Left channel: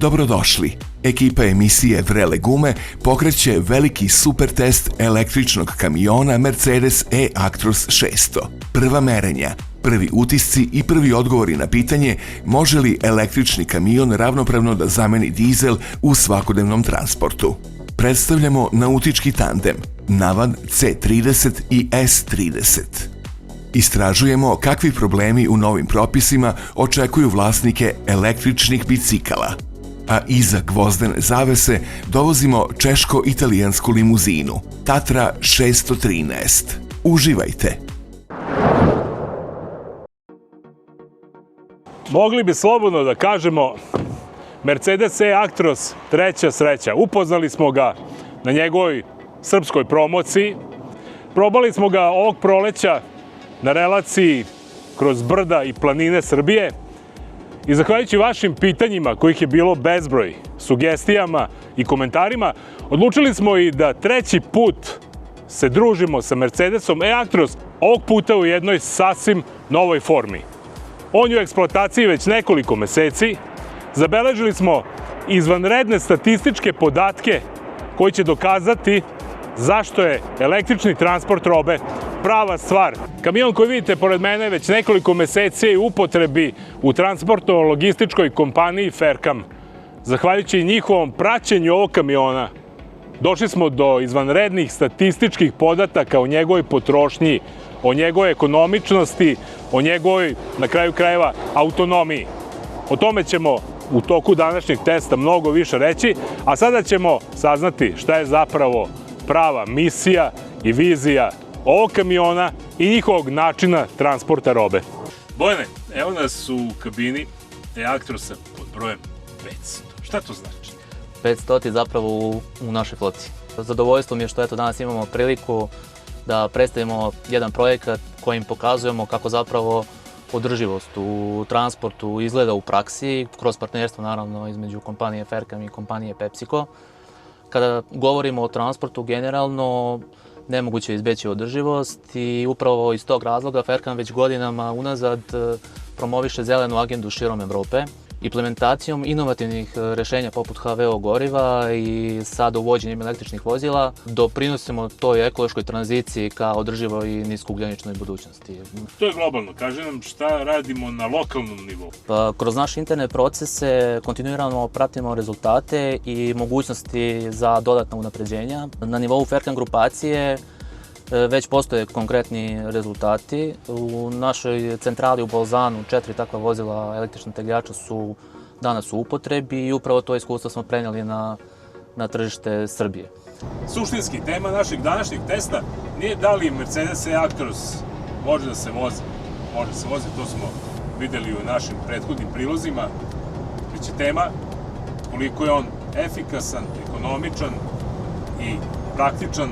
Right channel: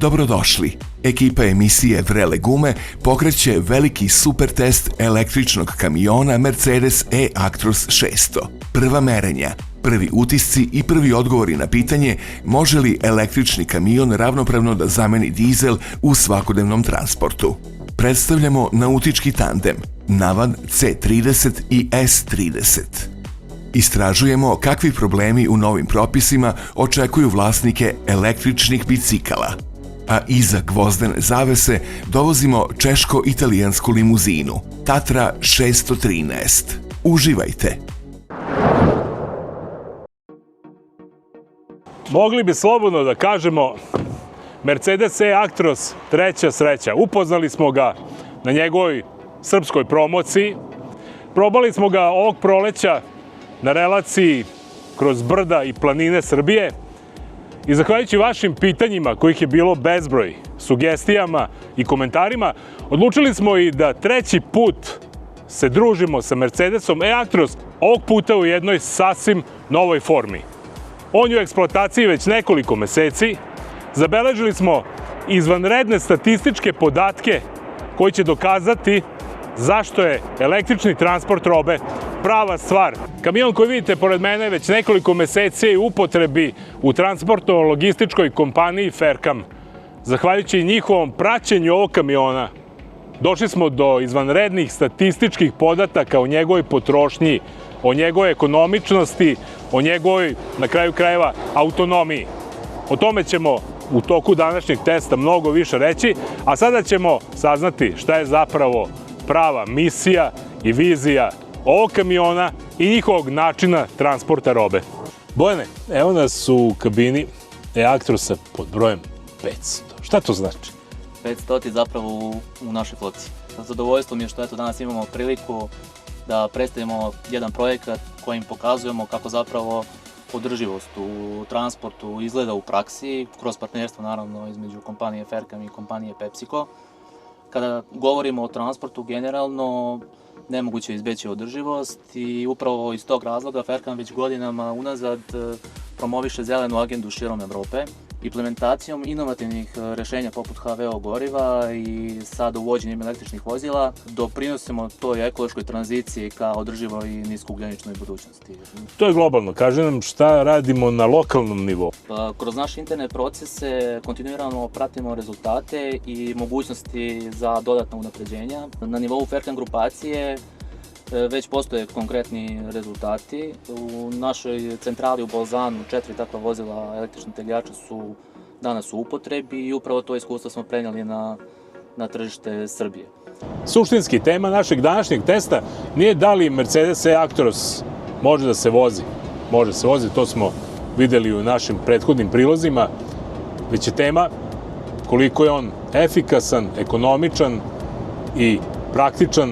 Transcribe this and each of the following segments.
Dobrodošli! Ekipa emisije Vrele gume pokreće veliki super test električnog kamiona Mercedes E-Actros 600. Prva merenja, prvi utisci i prvi odgovori na pitanje može li električni kamion ravnopravno da zameni dizel u svakodnevnom transportu. Predstavljamo nautički tandem Navan C30 i S30. Istražujemo kakvi problemi u novim propisima očekuju vlasnike električnih bicikala. A iza gvozdene zavese dovozimo češko-italijansku limuzinu Tatra 613. Uživajte! Mogli bi slobodno da kažemo Mercedes E-Actros treća sreća. Upoznali smo ga na njegovoj srpskoj promociji. Probali smo ga ovog proleća na relaciji kroz brda i planine Srbije. I zahvaljujući vašim pitanjima, kojih je bilo bezbroj, sugestijama i komentarima, odlučili smo i da treći put se družimo sa Mercedesom E-Actros, ovog puta u jednoj sasvim novoj formi. On je u eksploataciji već nekoliko meseci. Zabeležili smo izvanredne statističke podatke koji će dokazati zašto je električni transport robe prava stvar. Kamion koji vidite pored mene već nekoliko meseci je u upotrebi u transportno-logističkoj kompaniji Ferkam. Zahvaljujući njihovom praćenju ovog kamiona, došli smo do izvanrednih statističkih podataka o njegovoj potrošnji, o njegovoj ekonomičnosti, o njegovoj, na kraju krajeva, autonomiji. O tome ćemo u toku današnjeg testa mnogo više reći, a sada ćemo saznati šta je zapravo prava misija i vizija ovog kamiona i njihovog načina transporta robe. Bojane, evo nas u kabini E-Actrosa pod brojem 500. Šta to znači? 500 je zapravo u našoj floti. Zadovoljstvo mi je što danas imamo priliku da predstavimo jedan projekat kojim pokazujemo kako zapravo održivost u transportu izgleda u praksi, kroz partnerstvo naravno između kompanije Ferkam i kompanije PepsiCo. Kada govorimo o transportu generalno, nemoguće je izbeći održivost i upravo iz tog razloga Ferkam već godinama unazad promoviše zelenu agendu širom Evrope. Implementacijom inovativnih rešenja poput HVO goriva i sad uvođenjem električnih vozila doprinosimo toj ekološkoj tranziciji ka održivoj i niskougljeničnoj budućnosti. To je globalno. Kaže nam šta radimo na lokalnom nivou. Kroz naše interne procese kontinuirano pratimo rezultate i mogućnosti za dodatna unapređenja. Na nivou Ferkam grupacije već postoje konkretni rezultati. U našoj centrali u Bolzanu 4 takva vozila električnih tegljača su danas u upotrebi i upravo to iskustvo smo prenijeli na tržište Srbije. Suštinski tema našeg današnjeg testa nije da li Mercedes E-Actros može da se vozi. Može se vozi, to smo videli u našim prethodnim prilozima, već je tema koliko je on efikasan, ekonomičan i praktičan,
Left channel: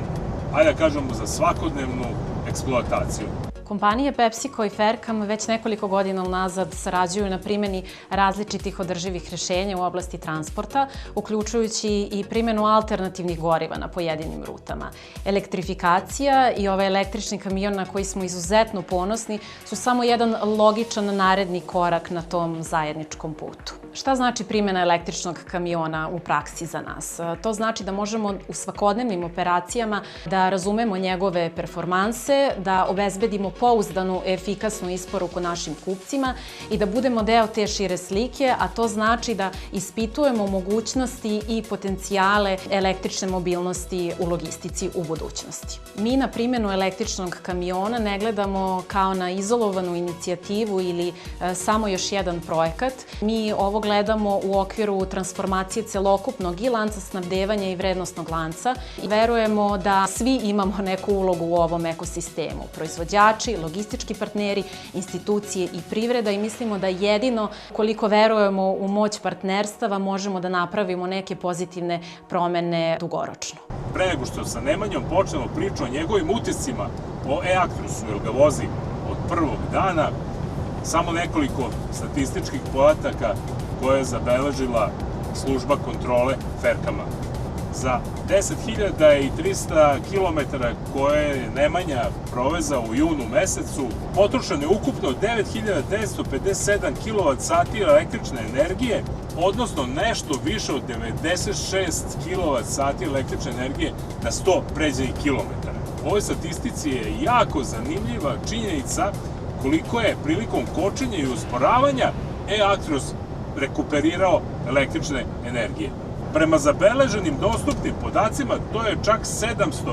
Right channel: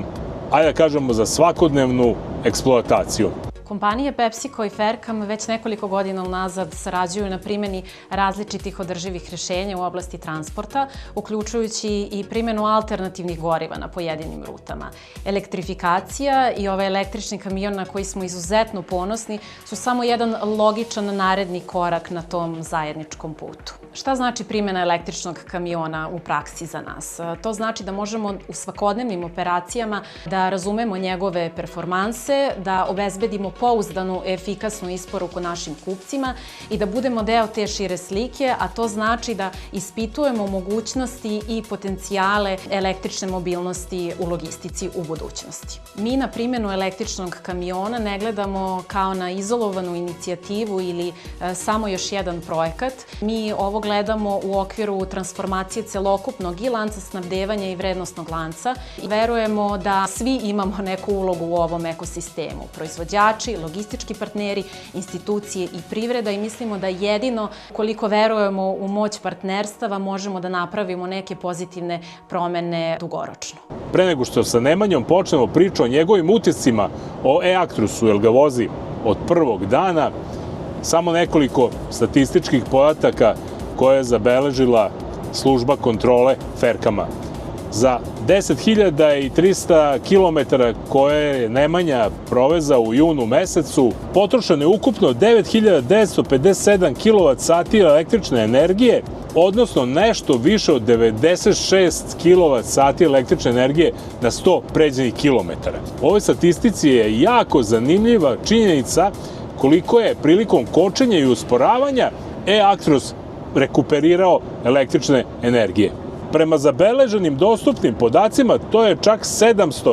ajde da kažemo, za svakodnevnu eksploataciju. Kompanije PepsiCo i Ferkam već nekoliko godina unazad sarađuju na primjeni različitih održivih rješenja u oblasti transporta, uključujući i primjenu alternativnih goriva na pojedinim rutama. Elektrifikacija i ovaj električni kamion na koji smo izuzetno ponosni su samo jedan logičan naredni korak na tom zajedničkom putu. Šta znači primjena električnog kamiona u praksi za nas? To znači da možemo u svakodnevnim operacijama da razumemo njegove performanse, da obezbedimo pouzdanu, efikasnu isporuku našim kupcima i da budemo deo te šire slike, a to znači da ispitujemo mogućnosti i potencijale električne mobilnosti u logistici u budućnosti. Mi na primjenu električnog kamiona ne gledamo kao na izolovanu inicijativu ili samo još jedan projekat. Mi ovo gledamo u okviru transformacije celokupnog i lanca snabdevanja i vrednosnog lanca. Verujemo da svi imamo neku ulogu u ovom ekosistemu. Proizvođači, logistički partneri, institucije i privreda i mislimo da jedino koliko verujemo u moć partnerstava možemo da napravimo neke pozitivne promene dugoročno. Pre nego što sa Nemanjom počnemo priču o njegovim utiscima o E-Actrosu, jer ga vozi od prvog dana, samo nekoliko statističkih podataka koje je zabeležila služba kontrole Ferkama. Za 10.300 km koje je Nemanja provezao u junu mesecu, potrošeno je ukupno 9.957 kWh električne energije, odnosno nešto više od 96 kWh električne energije na 100 pređenih kilometara. U ovoj statistici je jako zanimljiva činjenica koliko je prilikom kočenja i usporavanja e-Actros rekuperirao električne energije. Prema zabeleženim dostupnim podacima, to je čak 762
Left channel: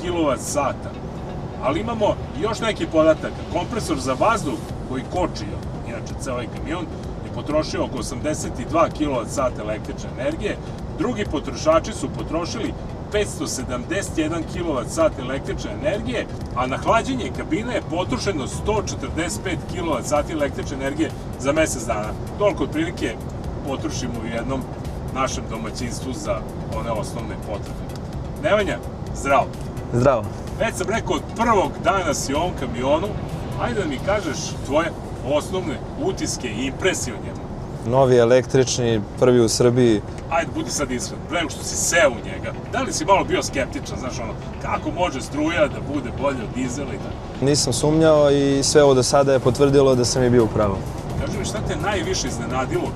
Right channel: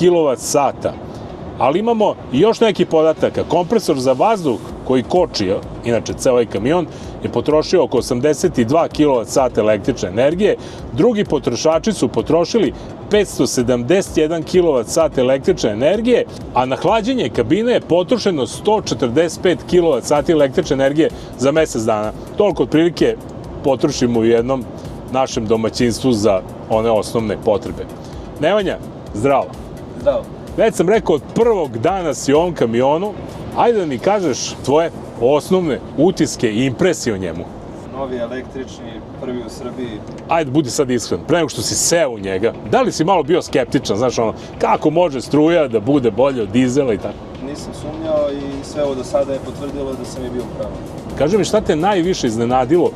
kWh. Ali imamo i još neki podataka. Kompresor za vazduh koji koči, inače ceo ovaj kamion, je potrošio oko 82 kWh električne energije. Drugi potrošači su potrošili 571 kWh električne energije, a na hlađenje kabine je potrošeno 145 kWh električne energije za mesec dana. Toliko otprilike potrošimo u jednom našem domaćinstvu za one osnovne potrebe. Nemanja, zdravo. Zdravo. Već sam rekao, od prvog dana si u ovom kamionu, ajde da mi kažeš tvoje osnovne utiske i impresije o njemu. Novi električni, prvi u Srbiji. Ajde, budi sad iskren, pre nego što si seo u njega, da li si malo bio skeptičan, znaš ono, kako može struja da bude bolje od dizela i tako? Nisam sumnjao i sve ovo do sada je potvrdilo da sam i bio u pravu. Kaži mi, šta te najviše iznenadilo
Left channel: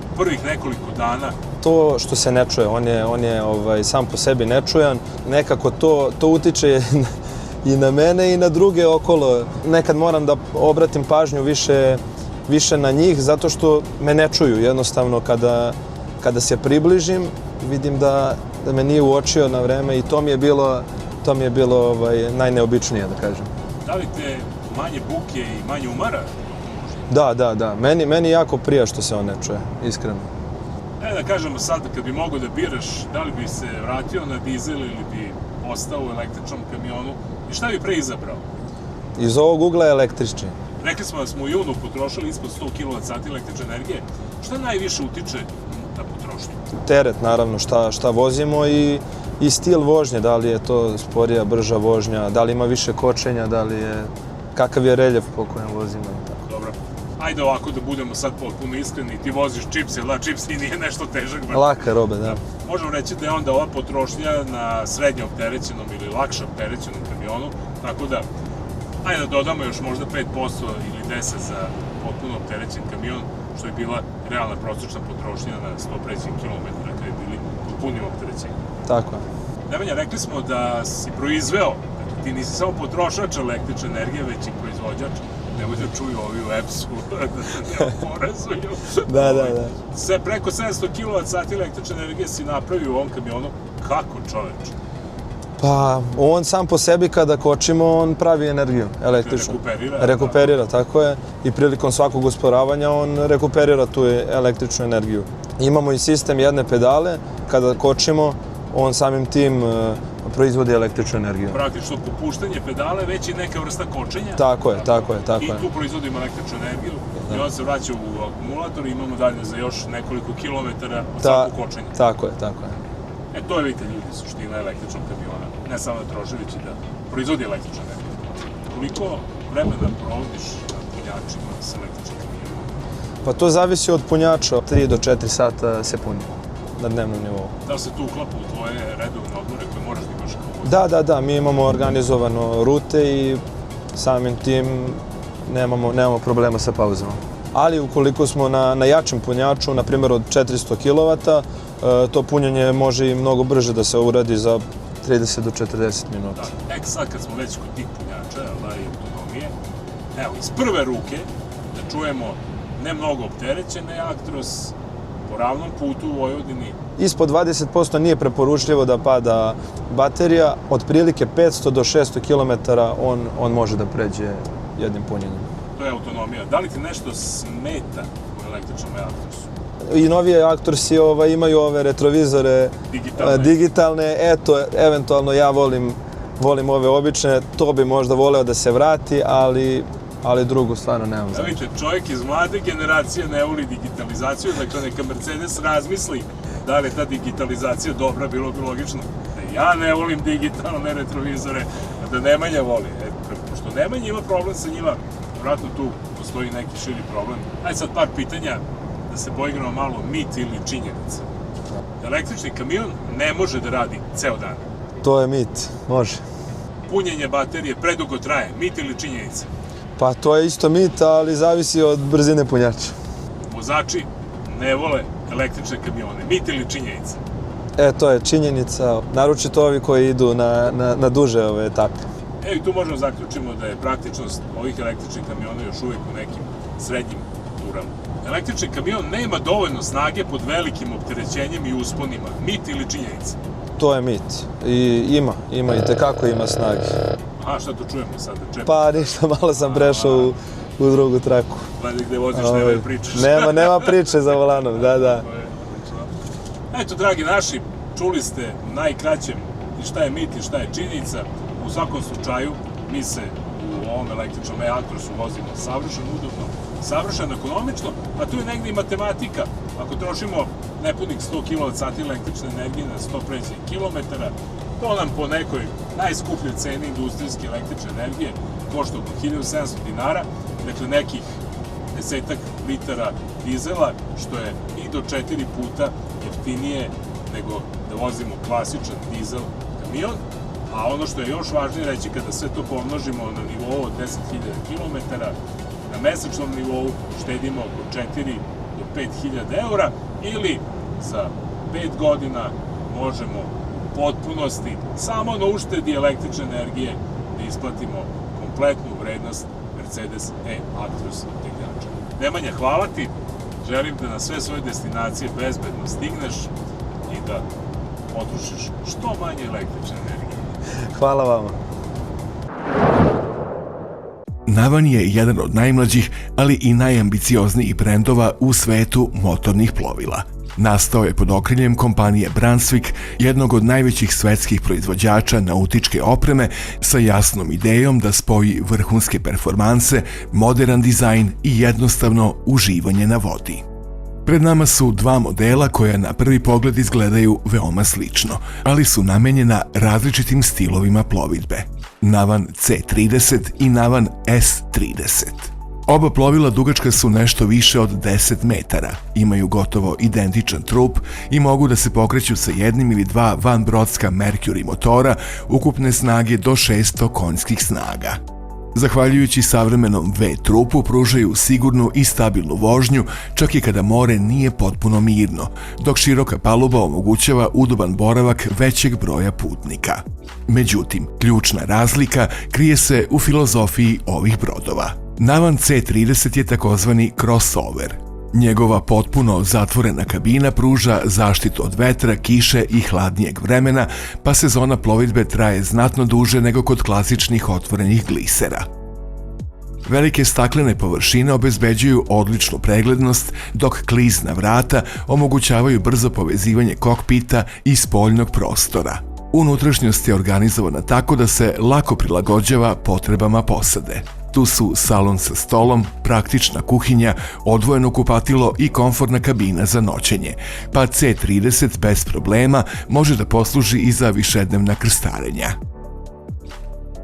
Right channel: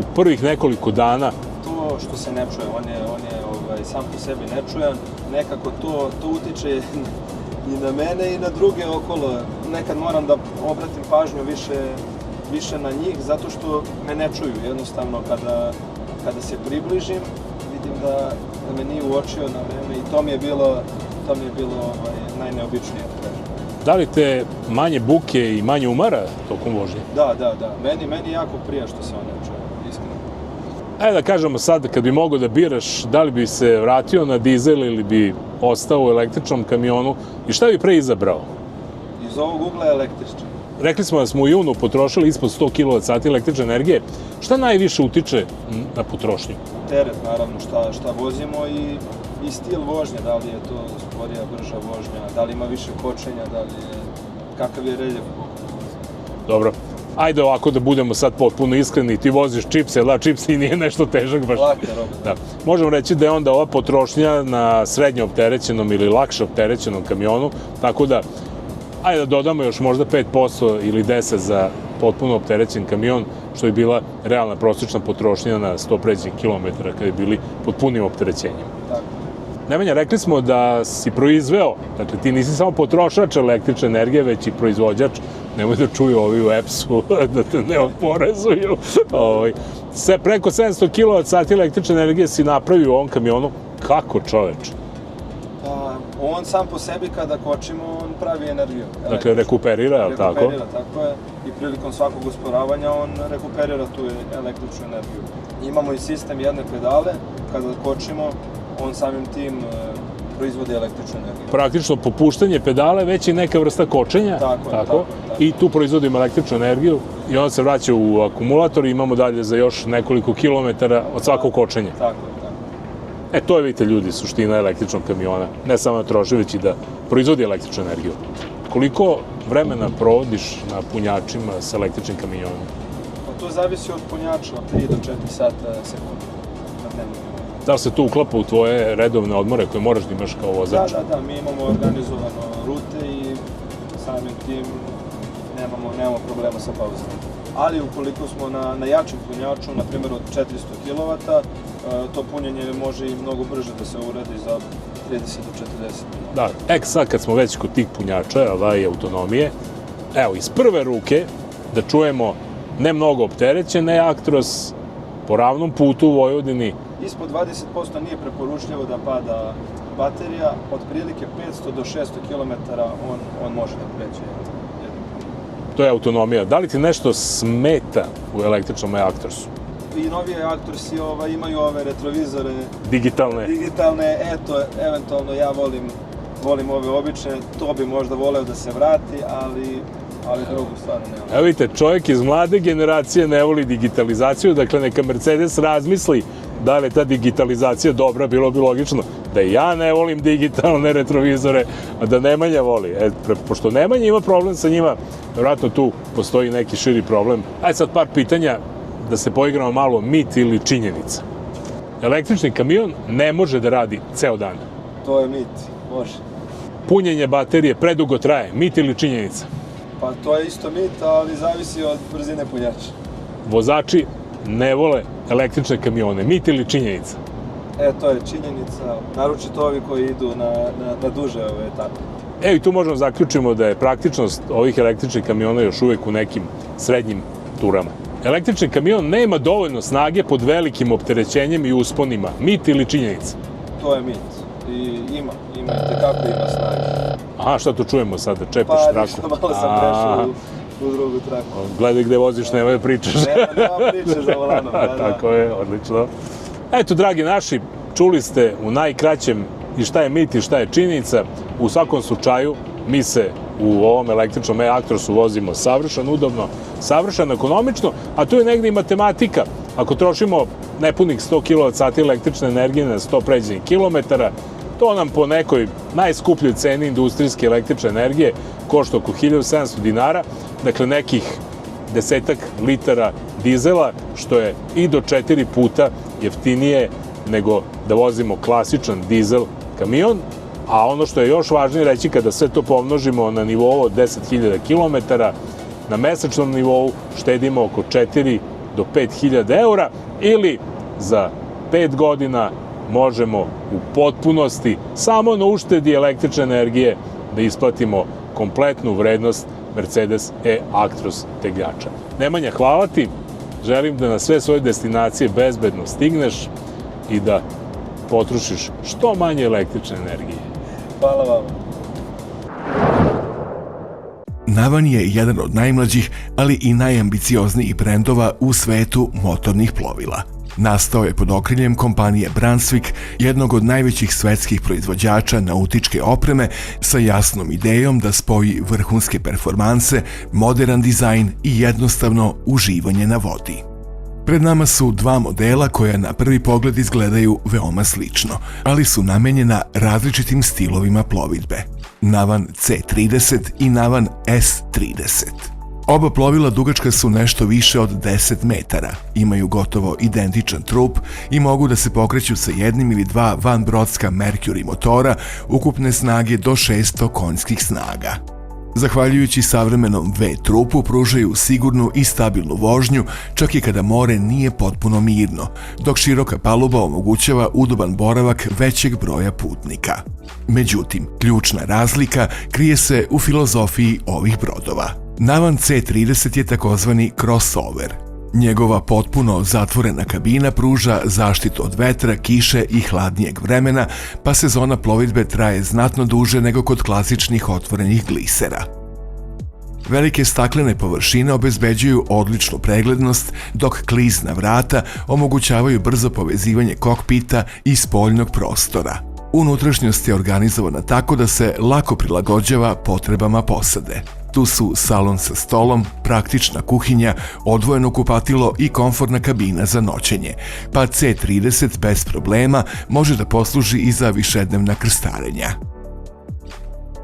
u prvih nekoliko dana? To što se ne čuje, on je sam po sebi nečujan, nekako to utiče i na mene i na druge okolo. Nekad moram da obratim pažnju više na njih, zato što me ne čuju. Jednostavno, kada se približim, vidim da me nije uočio na vreme i to mi je bilo najneobičnije, da kažem. Da li te manje buke i manje umara tokom vožnje? Da. Meni jako prija što se on ne čuje, iskreno. Ajde da kažemo sad, kad bi mogao da biraš, da li bi se vratio na dizel ili bi ostao u električnom kamionu i šta bi pre izabrao? Iz ovog ugla je električni. Rekli smo da smo u junu potrošili ispod 100 kWh električne energije. Šta najviše utiče na potrošnju? Teret, naravno, šta vozimo i stil vožnje, da li je to sporija, brža vožnja, da li ima više kočenja, kakav je reljef po kojem vozimo. Dobro. Ajde ovako da budemo sad potpuno iskreni, ti voziš čips, jel da, čips i nije nešto težak baš. Laka robe, da. Možemo reći da je onda ova potrošnja na srednje opterećenom ili lakše opterećenom kamionu, tako da, ajde da dodamo još možda 5% ili 10% za potpuno opterećen kamion, što je bila realna prosječna potrošnja na 100 pređenih kilometara kada je bili pod punim opterećenjem. Tako je. Nemanja, rekli smo da si proizveo, dakle ti nisi samo potrošač električne energije, već i proizvođač. Nemoj da čuju ovi u EPS-u, da te ne oporezuju. Preko 700 kWh električne energije si napravio u ovom kamionu. Kako, čoveč? Pa, on sam po sebi kada kočimo, on pravi energiju električnu. Dakle, rekuperira, Rekuperira, tako je. I prilikom svakog usporavanja on rekuperira tu električnu energiju. Imamo i sistem jedne pedale, kada kočimo, on samim tim proizvodi električnu energiju. Praktično popuštanje pedale već je neka vrsta kočenja. Tako je. I tu proizvodimo električnu energiju i on se vraća u akumulator i imamo dalje za još nekoliko kilometara od svakog kočenja. Tako je. To je, vidite ljudi, suština električnog kamiona. Ne samo da troši, već i da proizvodi električnu energiju. Koliko vremena provodiš na punjačima s električnim kamionima? Pa to zavisi od punjača. 3 do 4 sata se puni na dnevnom nivou. Da li se to uklapa u tvoje redovne odmore koje moraš da imaš kao vozač? Da. Mi imamo organizovano rute i samim tim nemamo problema sa pauzama. Ali ukoliko smo na jačem punjaču, na primjer od 400 kW, to punjenje može i mnogo brže da se uradi za 30 do 40 minuta. Da, sad kad smo već kod tih punjača, autonomije, evo, iz prve ruke da čujemo ne mnogo opterećen e-Actros po ravnom putu u Vojvodini. Ispod 20% nije preporučljivo da pada baterija, otprilike 500 do 600 km on može da pređe jednim punjenjem. To je autonomija. Da li ti nešto smeta u električnom e-Actrosu? I novije e-Actrosi imaju ove retrovizore digitalne. Eto, eventualno ja volim ove obične, to bi možda voleo da se vrati, ali drugo stvarno nemam. Evo vidite, čovjek iz mlade generacije ne voli digitalizaciju, dakle neka Mercedes razmisli da li je ta digitalizacija dobra, bilo bi logično da ja ne volim digitalne retrovizore, a da Nemanja voli. Pošto Nemanja ima problem sa njima, vjerojatno tu postoji neki širi problem. Ajde sad par pitanja da se poigramo malo mit ili činjenica. električni kamion ne može da radi ceo dan. To je mit, može. Punjenje baterije predugo traje, mit ili činjenica? Pa to je isto mit, ali zavisi od brzine punjača. Vozači ne vole električne kamione, mit ili činjenica? To je činjenica, naročito ovi koji idu na duže ove etape. I tu možemo zaključimo da je praktičnost ovih električnih kamiona još uvek u nekim srednjim turama. Električni kamion nema dovoljno snage pod velikim opterećenjem i usponima. Mit ili činjenica? To je mit. I ima i tekako ima snage. Aha, šta tu čujemo sada? Čepaš Pa traku? ništa, malo sam prešao u drugu traku. Gledaj gde voziš, nema pričaš. Nema priče za volanom, da. Tako je, odlično. Eto, dragi naši, čuli ste u najkraćem i šta je mit i šta je činjenica. U svakom slučaju, mi se u ovom električnom e-Actrosu vozimo savršeno udobno, savršeno ekonomično, a tu je negdje i matematika. Ako trošimo nepunih 100 kWh električne energije na 100 pređenih kilometara, to nam po nekoj najskupljoj ceni industrijske električne energije košta oko 1700 dinara, dakle nekih 10 litara dizela, što je i do 4 puta jeftinije nego da vozimo klasičan dizel kamion. A ono što je još važnije reći, kada sve to pomnožimo na nivou od 10.000 km, na mesečnom nivou štedimo oko 4 do 5.000 eura ili za 5 godina možemo u potpunosti samo na uštedi električne energije da isplatimo kompletnu vrednost Mercedes e-Actros tegljača. Nemanja, hvala ti. Želim da na sve svoje destinacije bezbedno stigneš i da potrošiš što manje električne energije. Hvala vama. Navan je jedan od najmlađih, ali i najambicioznijih brendova u svetu motornih plovila. Nastao je pod okriljem kompanije Brunswick, jednog od najvećih svetskih proizvođača nautičke opreme, sa jasnom idejom da spoji vrhunske performanse, moderan dizajn i jednostavno uživanje na vodi. Pred nama su dva modela koja na prvi pogled izgledaju veoma slično, ali su namenjena različitim stilovima plovidbe. Navan C30 i Navan S30. Oba plovila dugačka su nešto više od 10 metara, imaju gotovo identičan trup i mogu da se pokreću sa jednim ili dva vanbrodska Mercury motora ukupne snage do 600 konjskih snaga. Zahvaljujući savremenom V-trupu pružaju sigurnu i stabilnu vožnju čak i kada more nije potpuno mirno, dok široka paluba omogućava udoban boravak većeg broja putnika. Međutim, ključna razlika krije se u filozofiji ovih brodova. Navan C30 je takozvani crossover. Njegova potpuno zatvorena kabina pruža zaštitu od vetra, kiše i hladnijeg vremena, pa sezona plovidbe traje znatno duže nego kod klasičnih otvorenih glisera. Velike staklene površine obezbeđuju odličnu preglednost, dok klizna vrata omogućavaju brzo povezivanje kokpita i spoljnog prostora. Unutrašnjost je organizovana tako da se lako prilagođava potrebama posade. Tu su salon sa stolom, praktična kuhinja, odvojeno kupatilo i komfortna kabina za noćenje, pa C30 bez problema može da posluži i za višednevna krstarenja.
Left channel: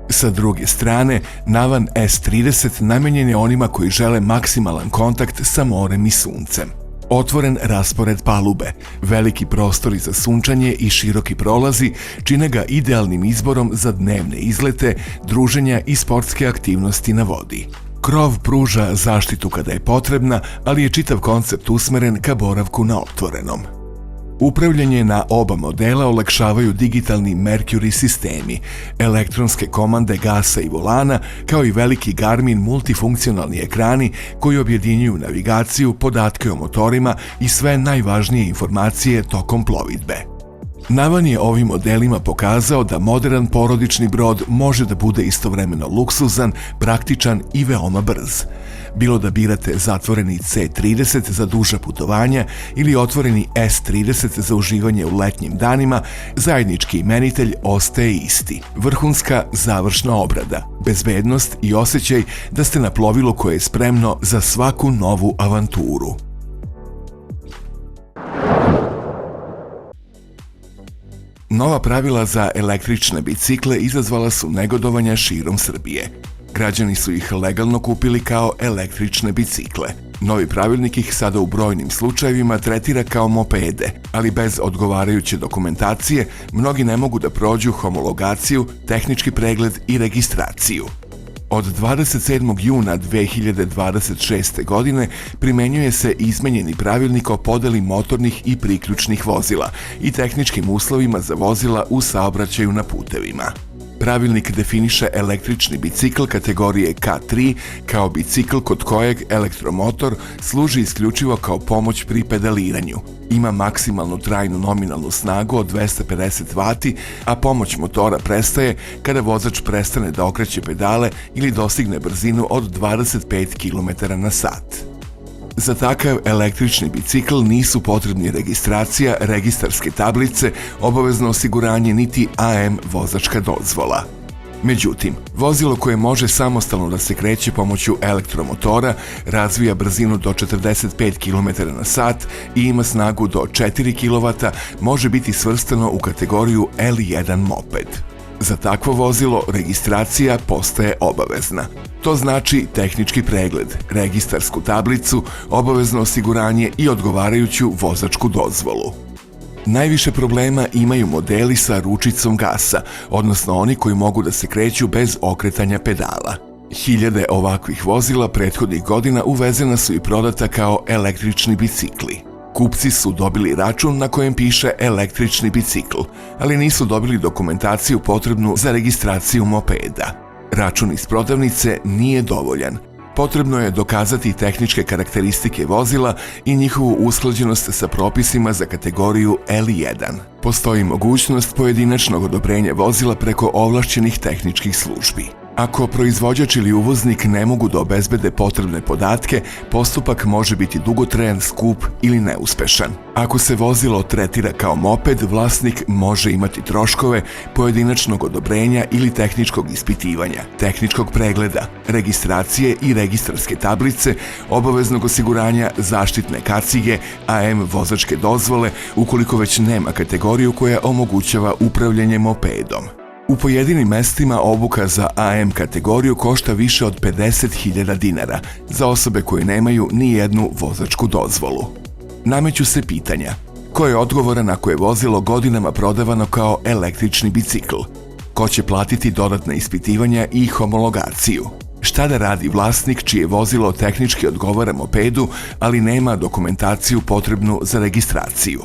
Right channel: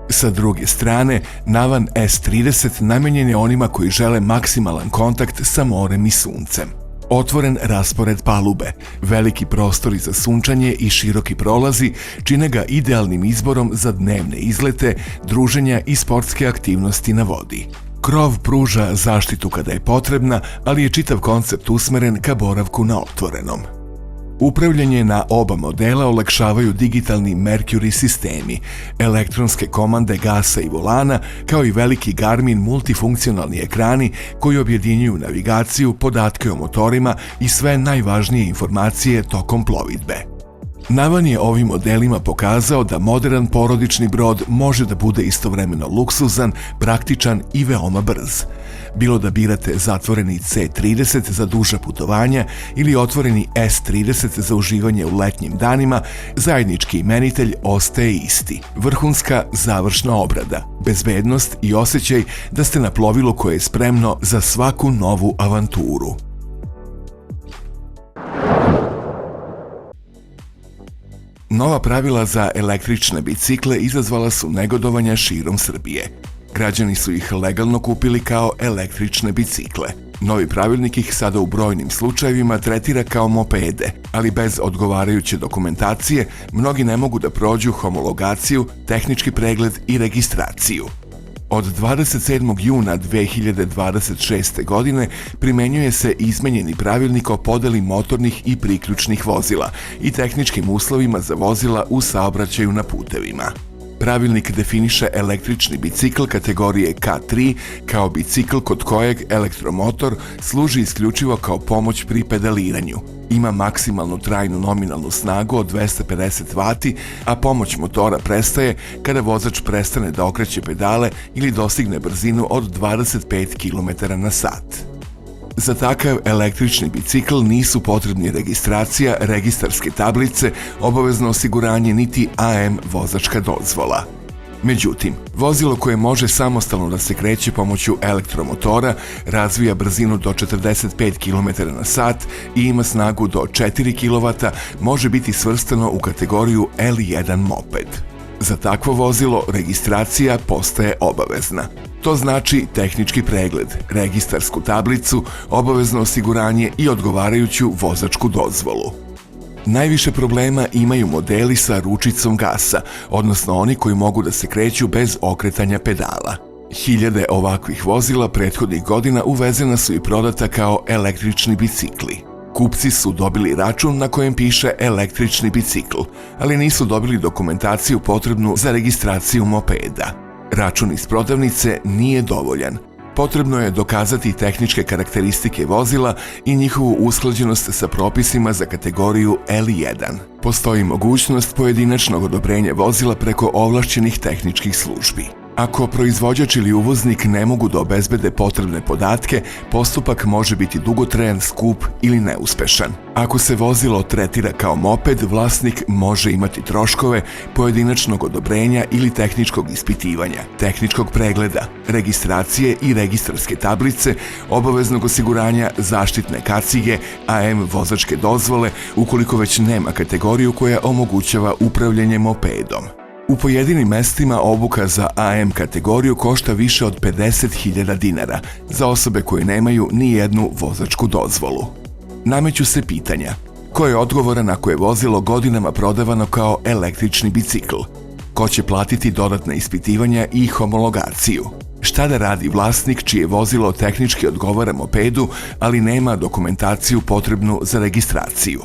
Sa druge strane, Navan S30 namenjen je onima koji žele maksimalan kontakt sa morem i suncem. Otvoren raspored palube, veliki prostori za sunčanje i široki prolazi čine ga idealnim izborom za dnevne izlete, druženja i sportske aktivnosti na vodi. Krov pruža zaštitu kada je potrebna, ali je čitav koncept usmeren ka boravku na otvorenom. Upravljanje na oba modela olakšavaju digitalni Mercury sistemi, elektronske komande gasa i volana, kao i veliki Garmin multifunkcionalni ekrani koji objedinjuju navigaciju, podatke o motorima i sve najvažnije informacije tokom plovidbe. Navan je ovim modelima pokazao da moderan porodični brod može da bude istovremeno luksuzan, praktičan i veoma brz. Bilo da birate zatvoreni C30 za duža putovanja ili otvoreni S30 za uživanje u letnjim danima, zajednički imenitelj ostaje isti. Vrhunska završna obrada, bezbednost i osjećaj da ste na plovilu koje je spremno za svaku novu avanturu. Nova pravila za električne bicikle izazvala su negodovanja širom Srbije. Građani su ih legalno kupili kao električne bicikle. Novi pravilnik ih sada u brojnim slučajevima tretira kao mopede, ali bez odgovarajuće dokumentacije mnogi ne mogu da prođu homologaciju, tehnički pregled i registraciju. Od 27. juna 2026. godine primenjuje se izmenjeni pravilnik o podeli motornih i priključnih vozila i tehničkim uslovima za vozila u saobraćaju na putevima. Pravilnik definiše električni bicikl kategorije K3 kao bicikl kod kojeg elektromotor služi isključivo kao pomoć pri pedaliranju. Ima maksimalnu trajnu nominalnu snagu od 250 W, a pomoć motora prestaje kada vozač prestane da okreće pedale ili dostigne brzinu od 25 km/h. Za takav električni bicikl nisu potrebni registracija, registarske tablice, obavezno osiguranje niti AM vozačka dozvola. Međutim, vozilo koje može samostalno da se kreće pomoću elektromotora, razvija brzinu do 45 km/h i ima snagu do 4 kW, može biti svrstano u kategoriju L1 moped. Za takvo vozilo registracija postaje obavezna. To znači tehnički pregled, registarsku tablicu, obavezno osiguranje i odgovarajuću vozačku dozvolu. Najviše problema imaju modeli sa ručicom gasa, odnosno oni koji mogu da se kreću bez okretanja pedala. Hiljade ovakvih vozila prethodnih godina uvezena su i prodata kao električni bicikli. Kupci su dobili račun na kojem piše električni bicikl, ali nisu dobili dokumentaciju potrebnu za registraciju mopeda. Račun iz prodavnice nije dovoljan. Potrebno je dokazati tehničke karakteristike vozila i njihovu usklađenost sa propisima za kategoriju L1. Postoji mogućnost pojedinačnog odobrenja vozila preko ovlašćenih tehničkih službi. Ako proizvođač ili uvoznik ne mogu da obezbede potrebne podatke, postupak može biti dugotrajan, skup ili neuspešan. Ako se vozilo tretira kao moped, vlasnik može imati troškove pojedinačnog odobrenja ili tehničkog ispitivanja, tehničkog pregleda, registracije i registarske tablice, obaveznog osiguranja, zaštitne kacige, AM vozačke dozvole, ukoliko već nema kategoriju koja omogućava upravljanje mopedom. U pojedinim mestima obuka za AM kategoriju košta više od 50.000 dinara za osobe koje nemaju ni jednu vozačku dozvolu. Nameću se pitanja: ko je odgovoran ako je vozilo godinama prodavano kao električni bicikl? Ko će platiti dodatna ispitivanja i homologaciju? Šta da radi vlasnik čije vozilo tehnički odgovara mopedu, ali nema dokumentaciju potrebnu za registraciju?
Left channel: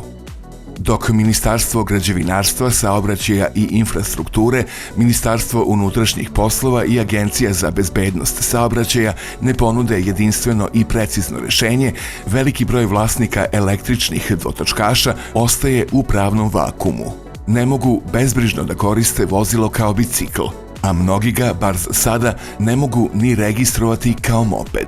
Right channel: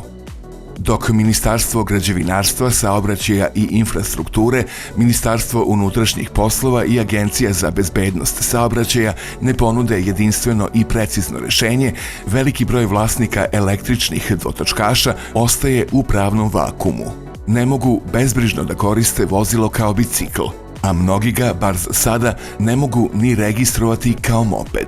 Dok Ministarstvo građevinarstva, saobraćaja i infrastrukture, Ministarstvo unutrašnjih poslova i Agencija za bezbednost saobraćaja ne ponude jedinstveno i precizno rešenje, veliki broj vlasnika električnih dvotočkaša ostaje u pravnom vakumu. Ne mogu bezbrižno da koriste vozilo kao bicikl, a mnogi ga, bar za sada, ne mogu ni registrovati kao moped.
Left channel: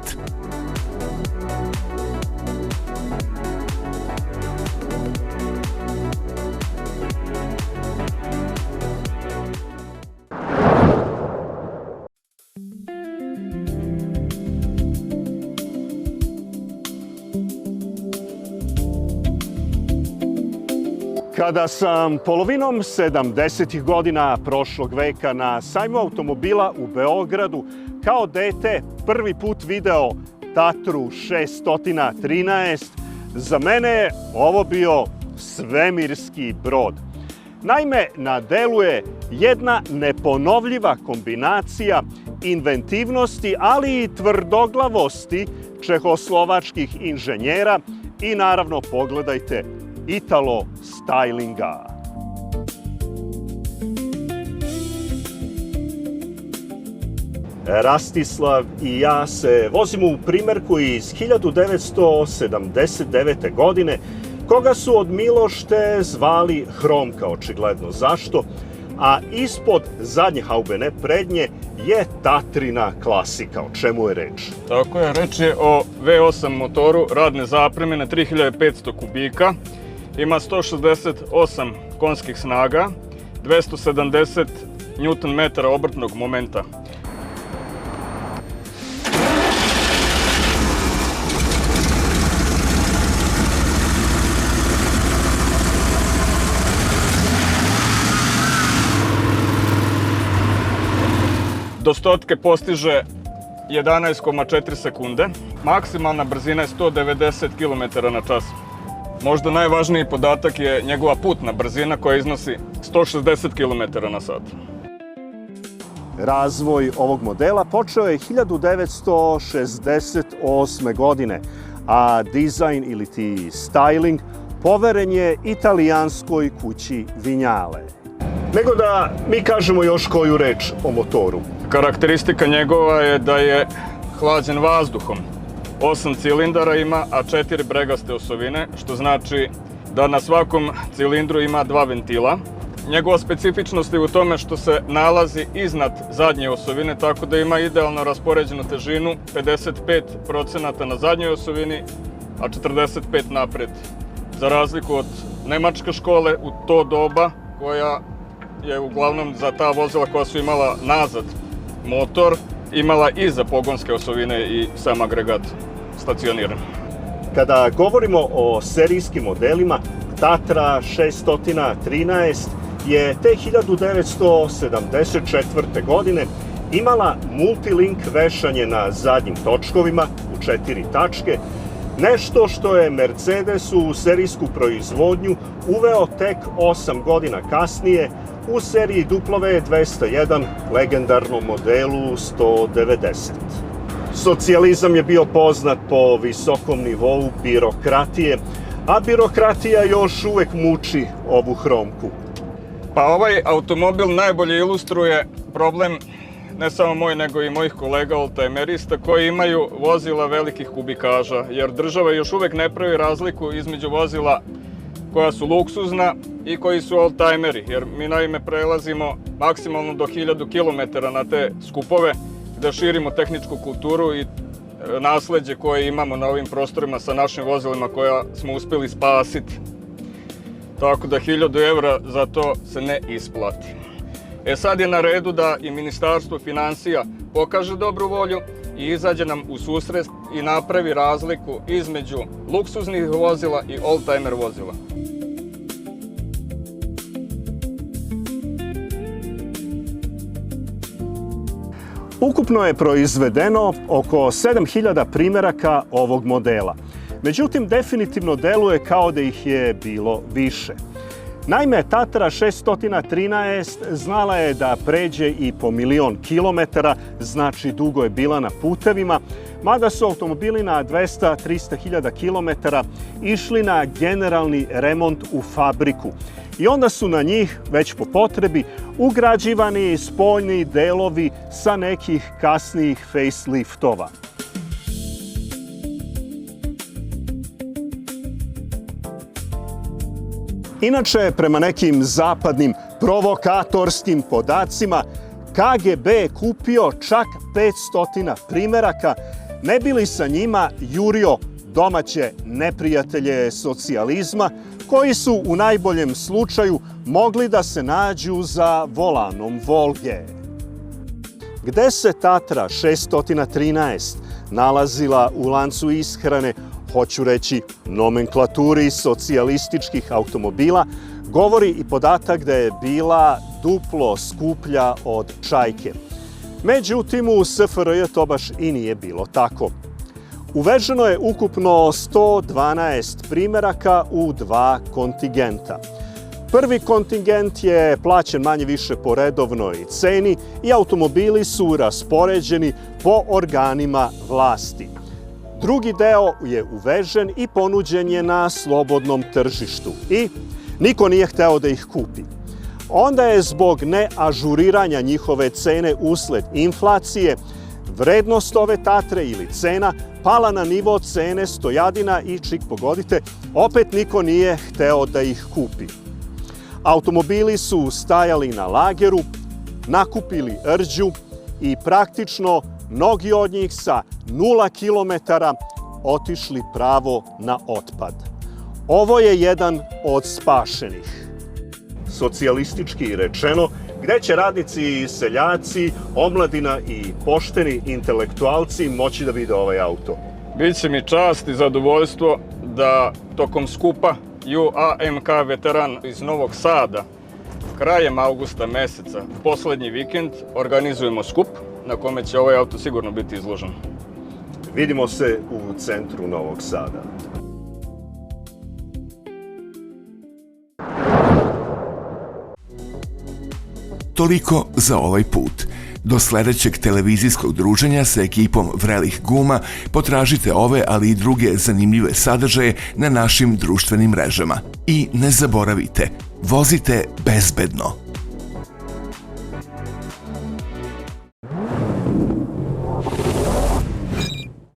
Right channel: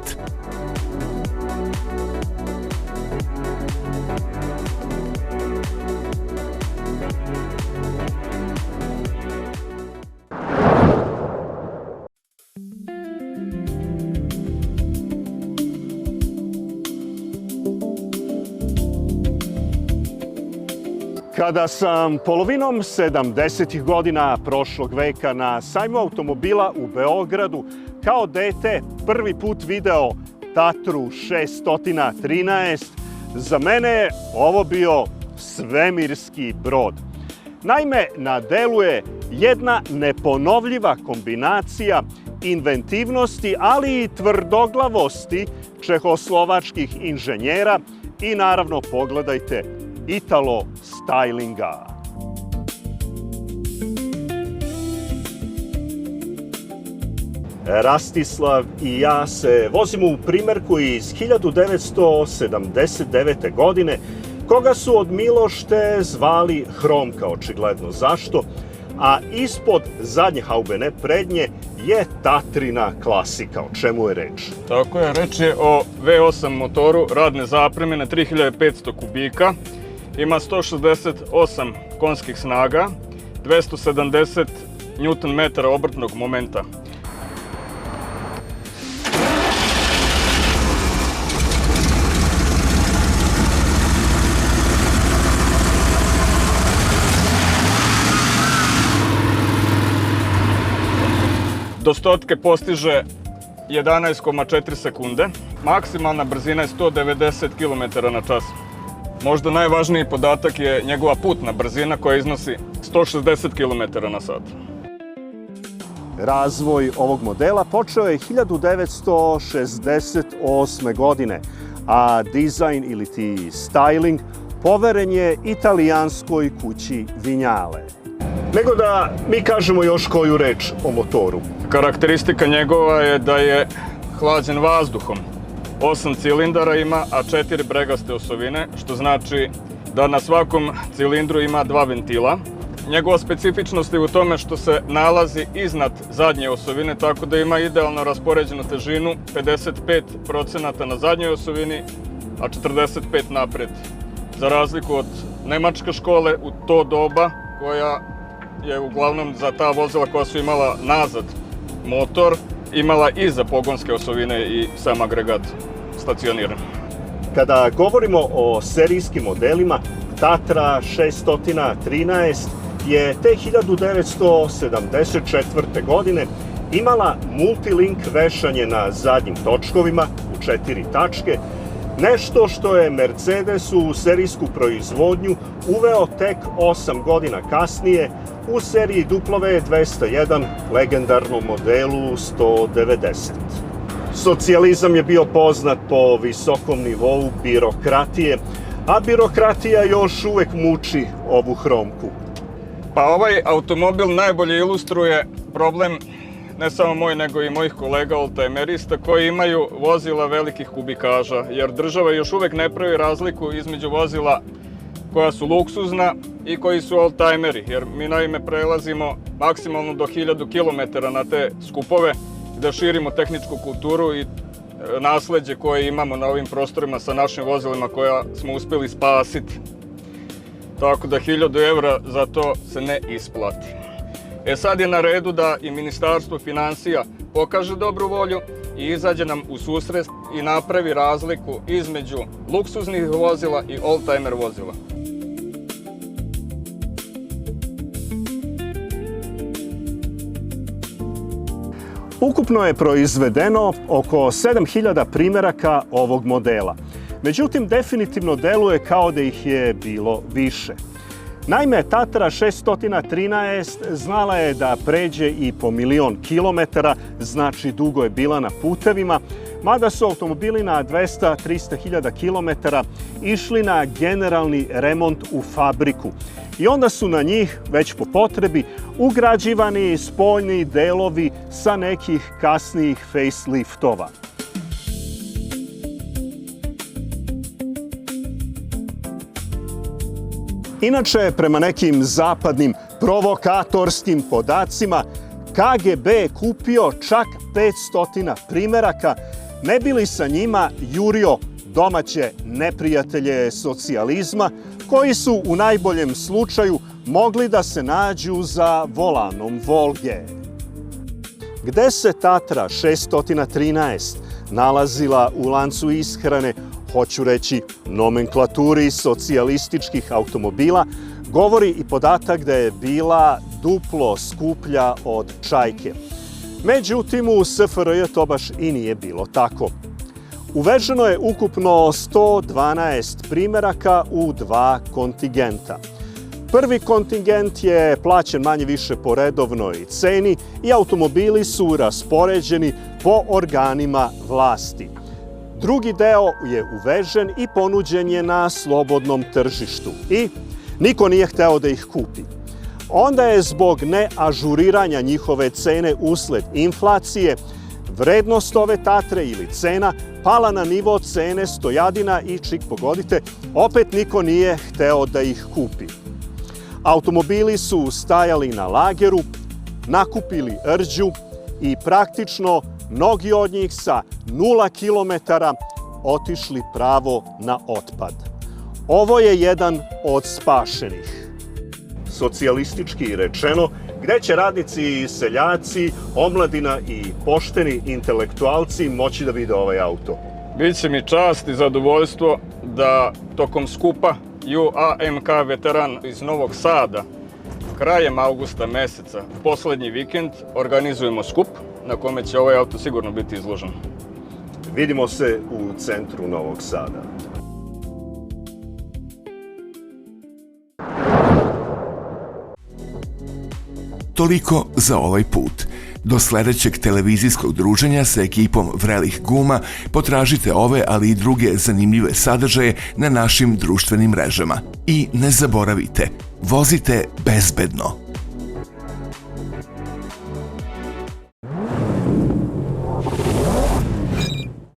Toliko za ovaj put. Do sledećeg televizijskog druženja sa ekipom Vrelih guma potražite ove, ali i druge zanimljive sadržaje na našim društvenim mrežama. I ne zaboravite, vozite bezbedno.